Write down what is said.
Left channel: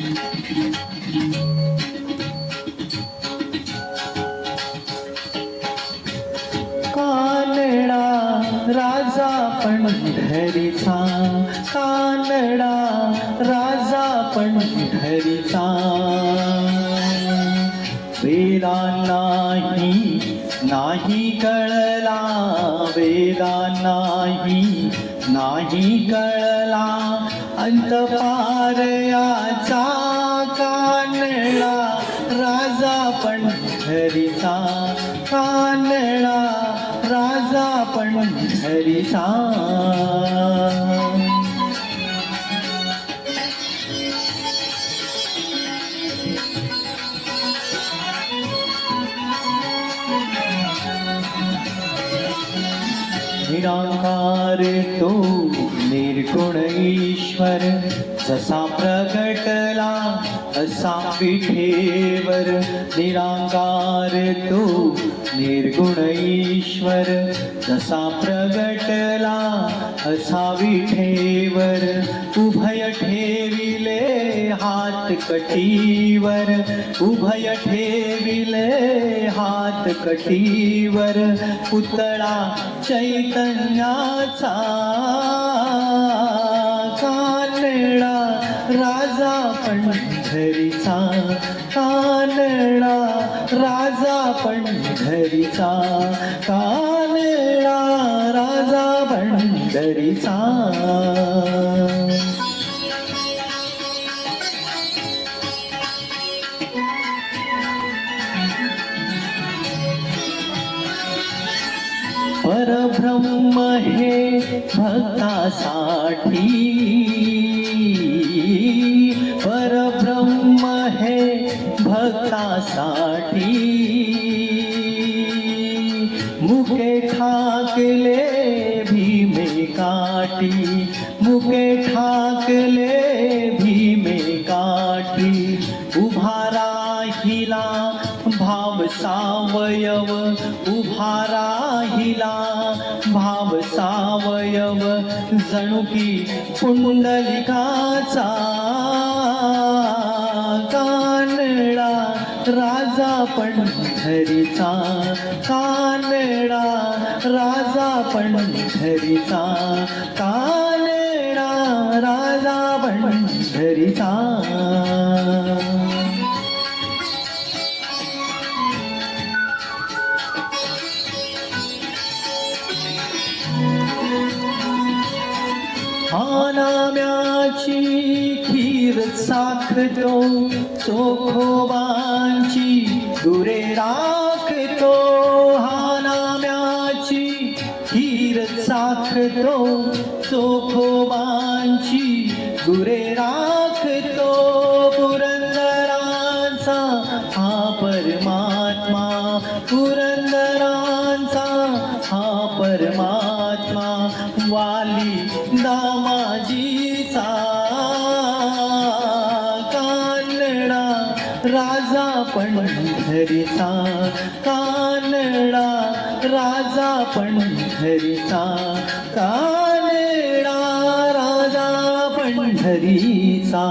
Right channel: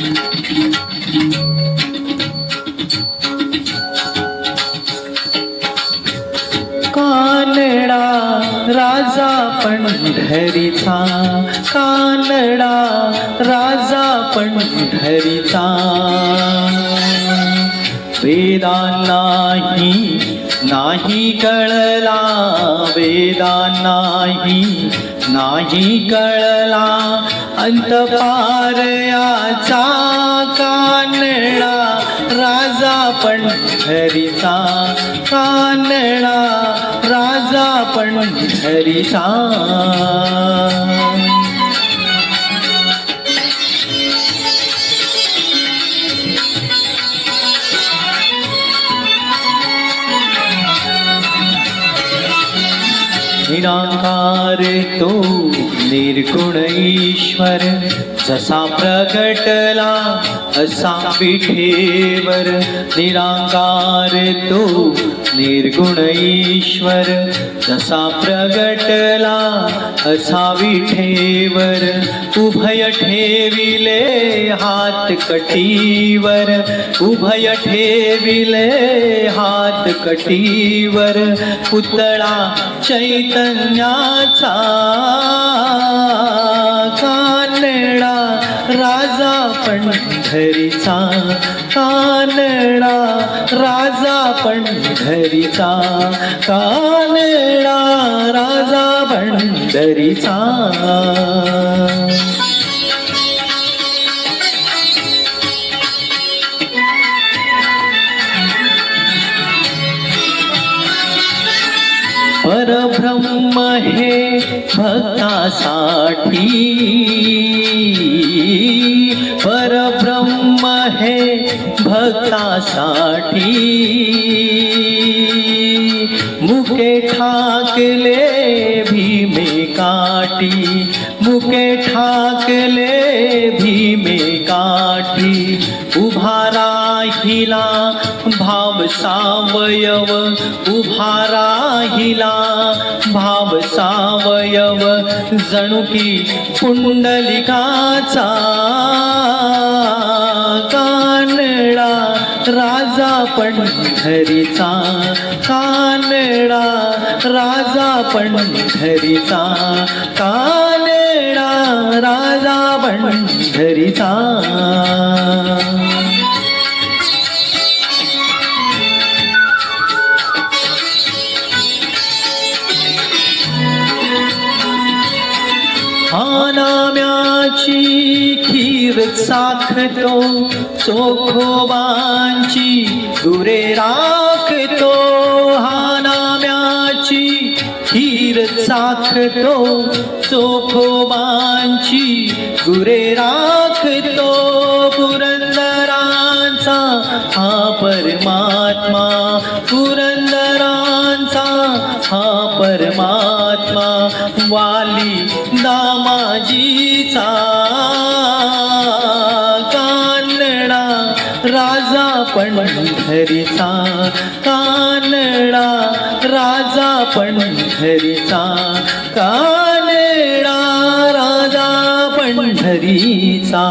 कानडा राजा पंढरीचा, कानडा राजा पंढरीचा, वेदा नाही कळला, वेदा नाही कळला अंतपार याचा, कानडा राजा पंढरीचा, कानडा राजा पंढरीचा. निराकार तो निर्गुण ईश्वर, जसा प्रगटला असा विठेवर. निराकार तो निर्गुण ईश्वर, जसा प्रगटला असा विठेवर. उभय ठेविले हात कटीवर, उभय ठेविले हात कटीवर. पुतळा चैतन्याचा, कानडा राजा पंढरीचा, कानडा राजा पंढरीचा, कानडा राजा पंढरीचा. परब्रह्म हे भक्तासाठी, परब्रह्म हे भक्तासाठी. मुके ठाकले भीमे काठी, मुके ठाकले भीमे काठी. उभा राहिला भाव सावयव, उभा राहिला भाव सावयव. जणू की पुंडलिकाचा, कानडा राजा पंढरीचा, कानडा राजा पंढरीचा, कानडा राजा पंढरीचा. हा नाम्याची खीर साखतो, चोखोबांची गुरे राखतो. हा नाम्याची खीर साखतो, चोखोबांची गुरे राखतो. पुरंदरांचा हा परमात्मा, पुरंदरांचा हा परमात्मा. वाली दामाजीचा, कानडा राजा पंढरीचा, कानडा राजा पंढरीचा, कानडा राजा पंढरीचा.